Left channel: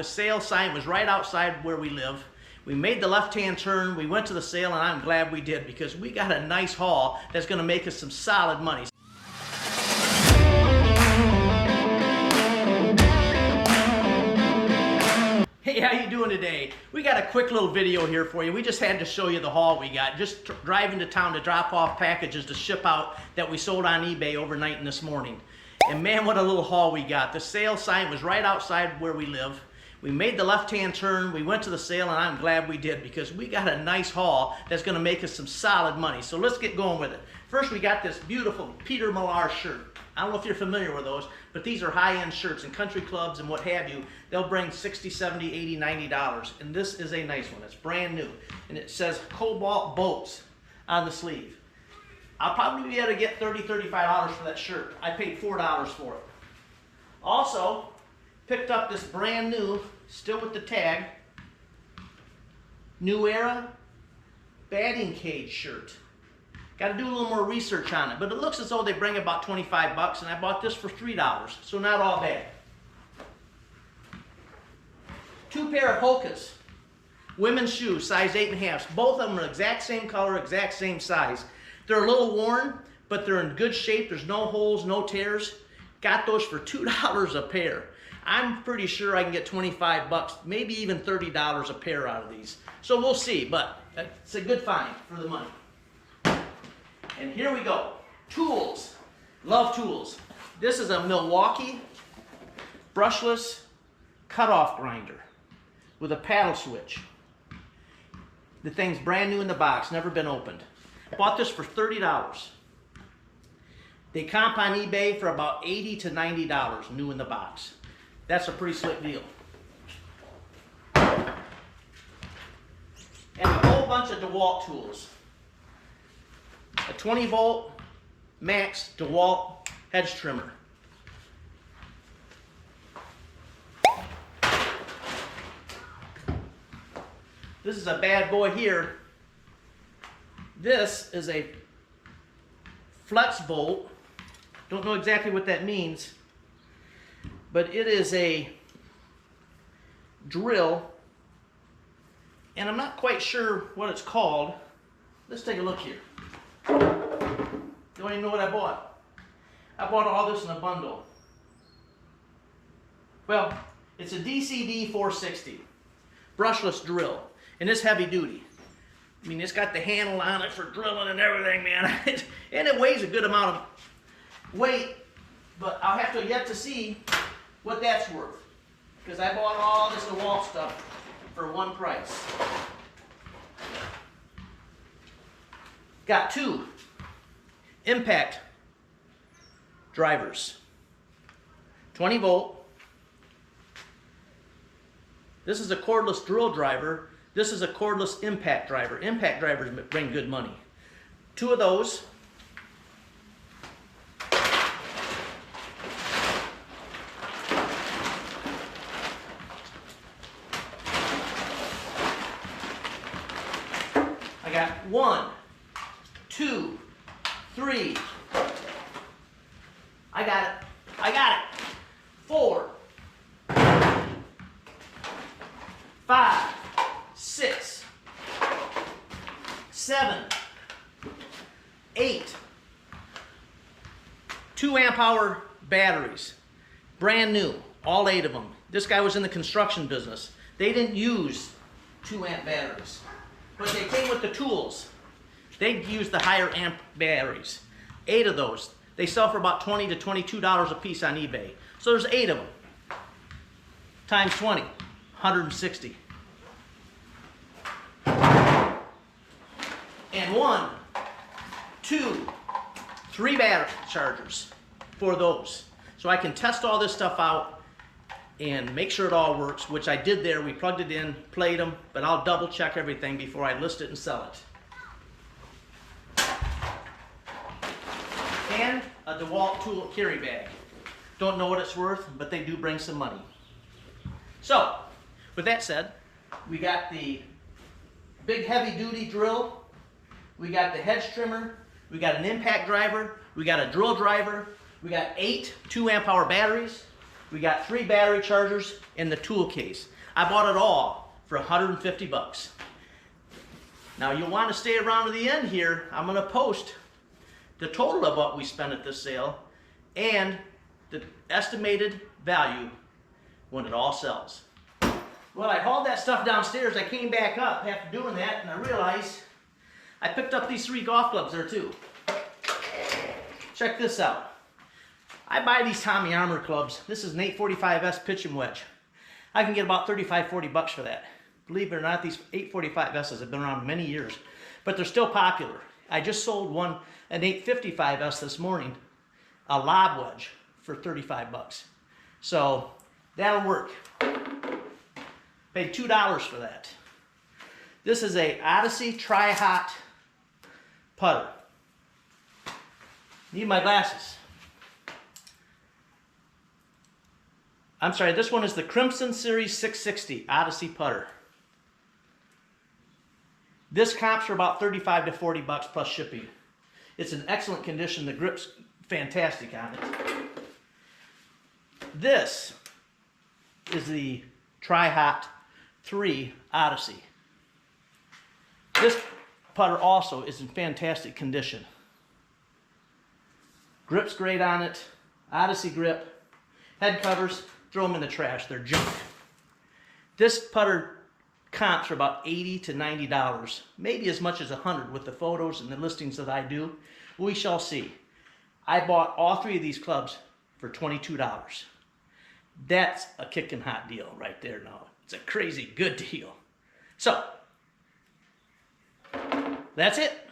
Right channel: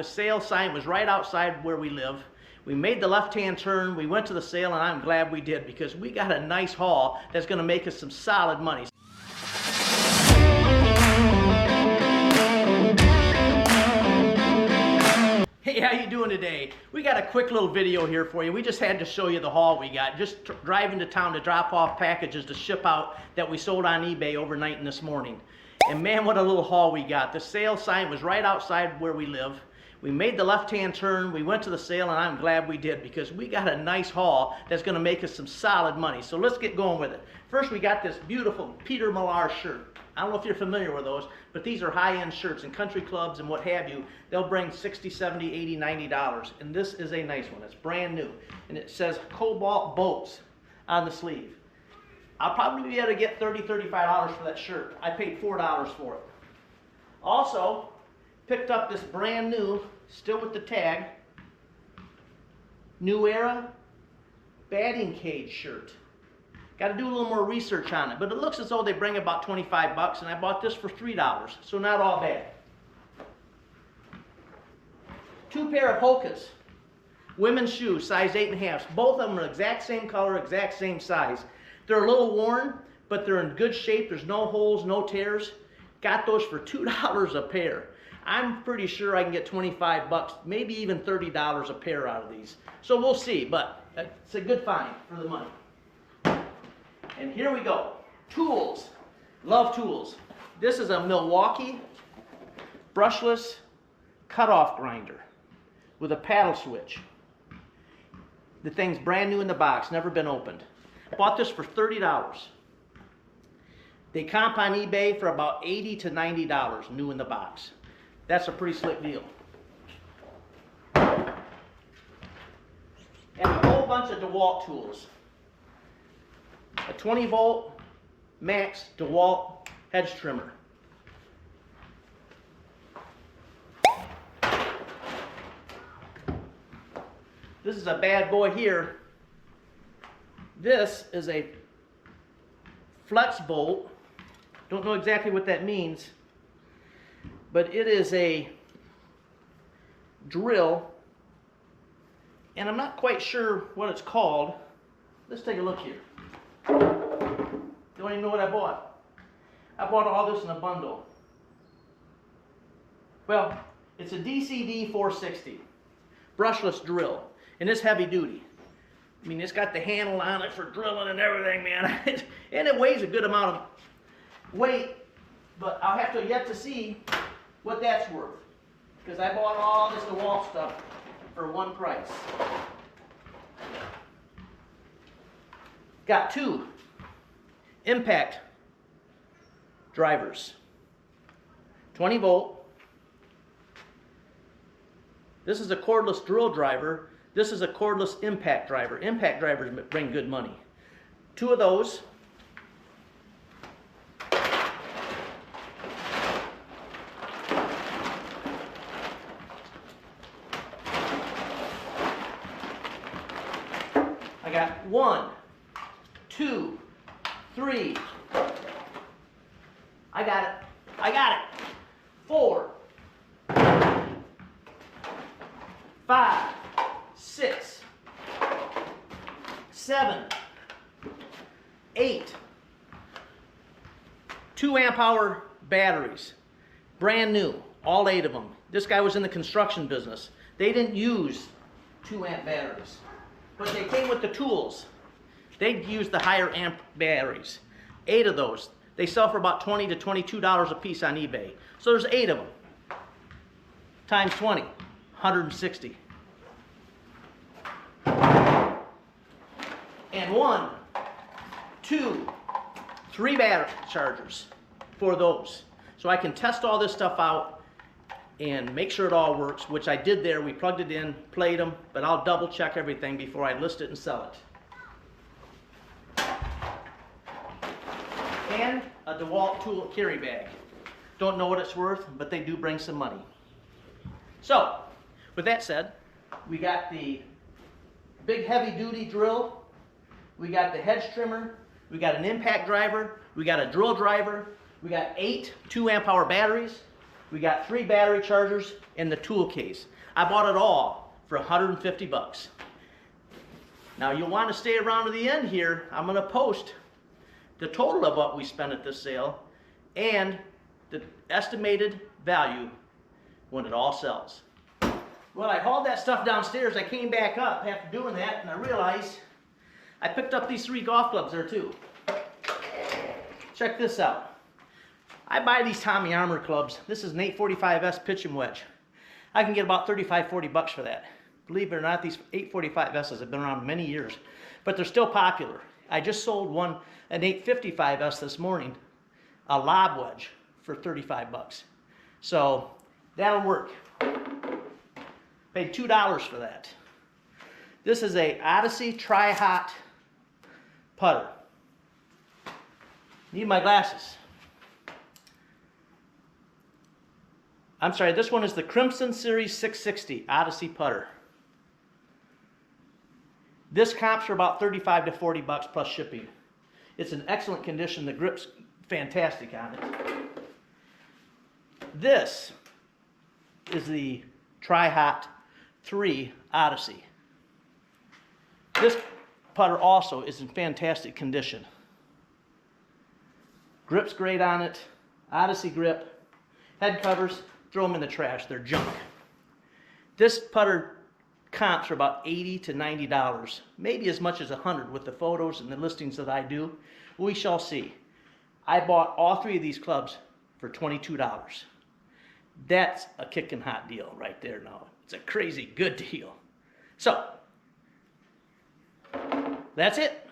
The sale sign was right outside where we live. We made the left-hand turn, we went to the sale, and I'm glad we did because we got a nice haul that's going to make us some solid money. Hey, how you doing today? We got a quick little video here for you. We just had to show you the haul we got. Just driving to town to drop off packages to ship out that we sold on eBay overnight and this morning. And man, what a little haul we got. The sale sign was right outside where we live. We made the left-hand turn, we went to the sale, and I'm glad we did because we got a nice haul that's going to make us some solid money. So let's get going with it. First, we got this beautiful Peter Millar shirt. I don't know if you're familiar with those, but these are high-end shirts in country clubs and what have you. They'll bring $60, $70, $80, $90. And this is a nice one. It's brand new. And it says Cobalt Boats on the sleeve. I'll probably be able to get $30, $35 for that shirt. I paid $4 for it. Also, picked up this brand new, still with the tag, New Era batting cage shirt. Got to do a little more research on it, but it looks as though they bring about 25 bucks, and I bought this for $3, so not all bad. Two pair of Hokas, women's shoes, size 8.5. Both of them are exact same color, exact same size. They're a little worn, but they're in good shape. There's no holes, no tears. Got those for $2 a pair. I'm pretty sure I can get 25 bucks, maybe even $30 a pair out of these. So we'll see, but it's a good find for the money. And here we go. Tools. Love tools. This is a Milwaukee brushless cutoff grinder with a paddle switch. The thing's brand new in the box, never been opened. Bought this for $30. They comp on eBay for about $80 to $90 new in the box. That's a pretty slick deal. And a whole bunch of DeWalt tools. A 20 volt max DeWalt hedge trimmer. This is a bad boy here. This is a flex bolt. Don't know exactly what that means, but it is a drill, and I'm not quite sure what it's called. Let's take a look here. Don't even know what I bought. I bought all this in a bundle. Well, it's a DCD 460 brushless drill, and it's heavy duty. I mean, it's got the handle on it for drilling and everything, man. And it weighs a good amount of weight, but I'll have to yet to see what that's worth, because I bought all this DeWalt stuff for one price. Got two impact drivers, 20 volt. This is a cordless drill driver. This is a cordless impact driver. Impact drivers bring good money. Two of those. I got 1, 2, 3. I got it. I got it. 4, 5, 6, 7, 8. 2 amp hour batteries. Brand new. All 8 of them. This guy was in the construction business. They didn't use 2 amp batteries, but they came with the tools. They use the higher amp batteries. 8 of those. They sell for about $20 to $22 a piece on eBay. So there's 8 of them. Times 20, 160. And 1, 2, 3 battery chargers for those. So I can test all this stuff out and make sure it all works, which I did there. We plugged it in, played them, but I'll double check everything before I list it and sell it. And a DeWalt tool carry bag. Don't know what it's worth, but they do bring some money. So, with that said, we got the big heavy duty drill, we got the hedge trimmer, we got an impact driver, we got a drill driver, we got 8 2 amp hour batteries, We got 3 battery chargers and the tool case. I bought it all for 150 bucks. Now you'll want to stay around to the end here. I'm going to post the total of what we spent at this sale and the estimated value when it all sells. Well, I hauled that stuff downstairs. I came back up after doing that, and I realized I picked up these 3 golf clubs there too. Check this out. I buy these Tommy Armour clubs. This is an 845S pitching wedge. I can get about 35-40 bucks for that. Believe it or not, these 845S's have been around many years, but they're still popular. I just sold one, an 855S this morning, a lob wedge for 35 bucks. So that'll work. Paid $2 for that. This is a Odyssey Tri-Hot putter. Need my glasses. I'm sorry, this one is the Crimson Series 660 Odyssey putter. This comps for about 35 to 40 bucks plus shipping. It's in excellent condition. The grip's fantastic on it. This is the Tri-Hot 3 Odyssey. This putter also is in fantastic condition. Grip's great on it. Odyssey grip. Head covers, throw them in the trash. They're junk. This putter comps for about $80 to $90, maybe as much as $100 with the photos and the listings that I do. We shall see. I bought all 3 of these clubs for $22. That's a kicking hot deal right there now. It's a crazy good deal. So, that's it.